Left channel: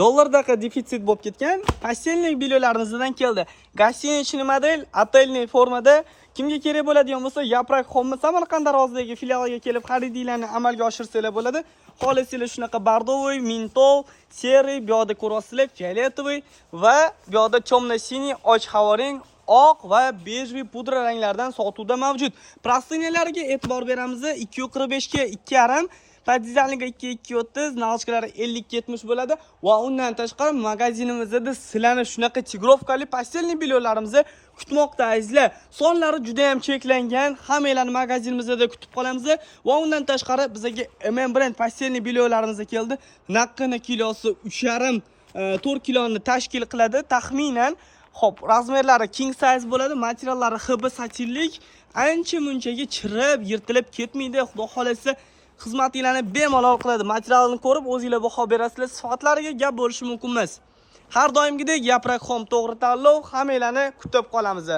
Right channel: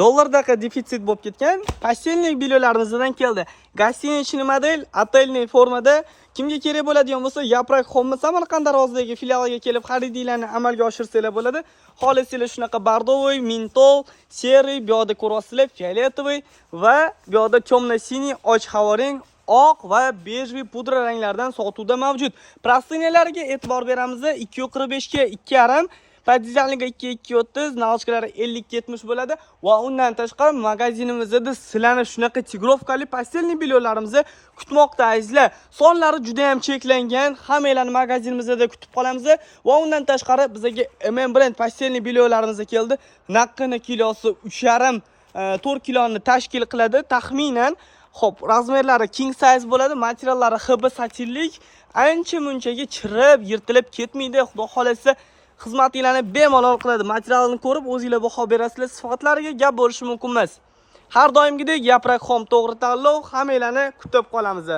dollardaqa defitsit bo'lib ketgan pastelnik bilyolarimizdan keldi. Гостиничный model, otelniy formada kimga kerak bo'ladigan bo'lsa, Yaprak Home Samarqand darvozadagi filialiga kelib xaridinglarni amalga oshirsanglar bo'ladi. Xolisinglar shunaqa bordovoy, mintol, seri, bu yoqda ko'rasizlar fioletovoy va bu yoqda temno-siniy, och havorang, oq va bejli pudra ranglardan sotuvda mavjud. Prostinalariga e'tibor beramiz. 245 ga 2,5, Podizalniga 2230, nalochkalari 50-70 bo'ladi va undan tashqari magazinimizda sizlarni shunaqa tigrovkali pastelniy bilyolarimizni kutmoqda azizlar. Sonlari juda ham cheklangan. Hammanglarni magazinimizda kutib qolamiz va undan tashqari bizga MM brend pastelniy bilyolarimiz keldi. Naqini kilosi 3,5-4 kiloni tashkil qiladi taxminan. Xo'p, razmerlari king size bo'ladi, materiallari HB satinlik, ancha-munchaga chirib, yirtilib ketmaydi. Xudo xolasa xizmatinglarni bemalol qiladi. Materialni ko'rib o'zingizlar baho berasizlar. Sifatlariga gap bo'lishi mumkin emas. Har doimgidek Yaprak Home to'g'ri tanlov. Hammanglarni kutib qolamiz.